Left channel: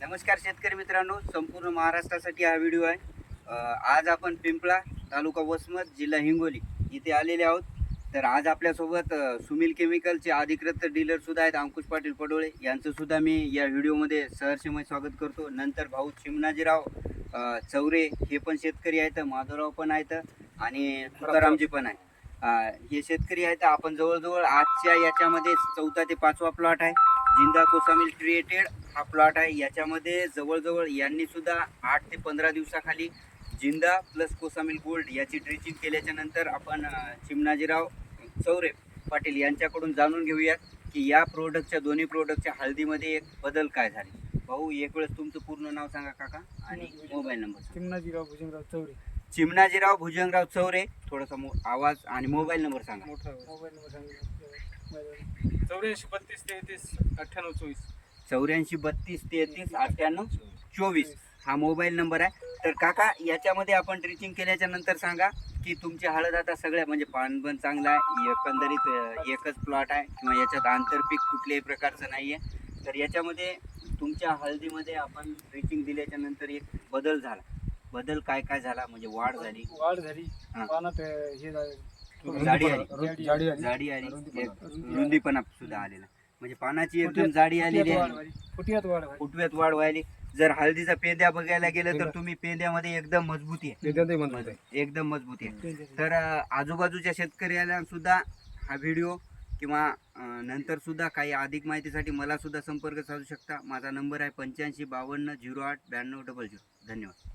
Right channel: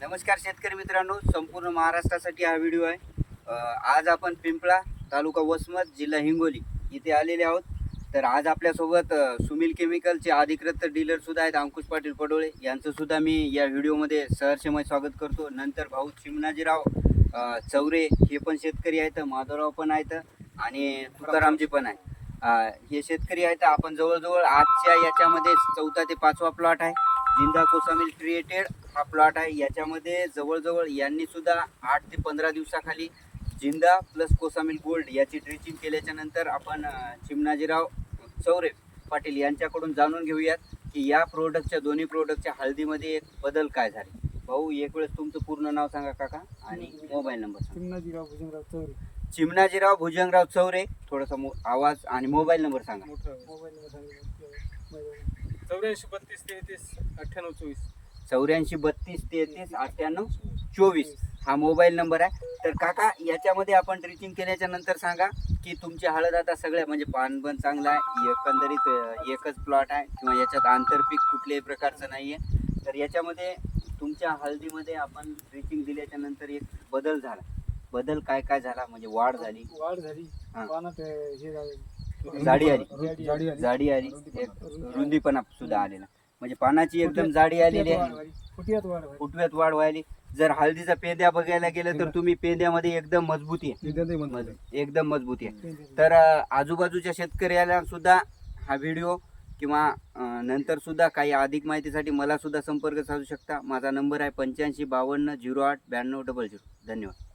नमस्कार शेतकरी मित्रांनो, संपूर्ण महाराष्ट्रासाठी हा व्हिडिओ आहे. आज आपण पिंपळा, तालुका वसमत, जिल्हा हिंगोली इथे आलेले आहोत. तर आज आपल्यासोबत सुमिल केमिकलचे अधिकृत डीलर सुद्धा आहेत, अंकुश पाटील पडोळे यांचं सुद्धा मी या व्हिडिओमध्ये सहर्षमय स्वागत करतो. नंतर भाऊ चिमणाजीराव चौरे हे पण शेतकरी आहेत, माधवराव पण आहेत आणि तुकारामजी पण आहे. हे शेतकरी आहेत. आपण जवळजवळ आजच्या याच्यामध्ये 4था ते 5वा प्लॉट आहे. जिंदा कोसामिल क्रिएटेड हा प्लॉट आहे. याच्यामध्ये जवळजवळ यांनी सुद्धा 8 ते 15 दिवसाखाली जिंदा प्लस कोसामिल गोल्ड याची ड्रिचिंग केल्याच्या नंतर आपण चिमणाजीराव चौरे पाटील यांच्याकडून जाणून घेऊयात की या प्रोडक्टच्या दोन्ही प्रोडक्टच्या हळदीमध्ये एक बदल काय झाले. भाऊ, एक वेळेस तुमचं पूर्ण नाव सांगा काका आणि मोबाईल नंबर. चिमणाजीराव भुजंगराव चौरे. चिमणाजीराव भुजंगराव चौरे. थोडासा आवाज आणि मोबाईल नंबर सांगा. मोबाईल नंबर सांगितलं 84 32 33 98 24. 84 32 33 98 24 हा मोबाईल नंबर आहे. तर काका, याच्यामध्ये आपण ड्रिचिंग केल्याच्या नंतर सांगा की तुमची हळद आता सगळ्या म्हणजे पान पण चांगला आहे, एकंदरीत एकच प्लॉट आहे किंवा याच्यात आंतरपीक कुठल्याही प्रकारचं नाही आहे. तर याच्यामध्ये तुमच्या हळदीमध्ये आपण ड्रिचिंग दिल्याच्या नंतर एक बदल झाला. बदल काय काय झाला म्हणजे वाढ झाली? हा. पानात हे झालं, जाडी आली, जाडी आली, एक रुंदीपणा सुद्धा आलेला, म्हणजे पानाची एकदम जाडी आलेली आहे, फुटव्यात वाढ व्हायली. जर हळदीचा पेंद्या बघायला गेलं तर तुम्ही पेंद्यामध्ये एकदम मजबूती आहे, एकदम मजबूती आहे. तर आजूबाजूच्या शेतकऱ्याला सुद्धा हा व्हिडिओ किंवा नंतर सुद्धा काही अधिक माहितीसाठी मला सुद्धा संपर्क साधू शकता. माझा नंबर आहे 85 52 08 92 00. धन्यवाद.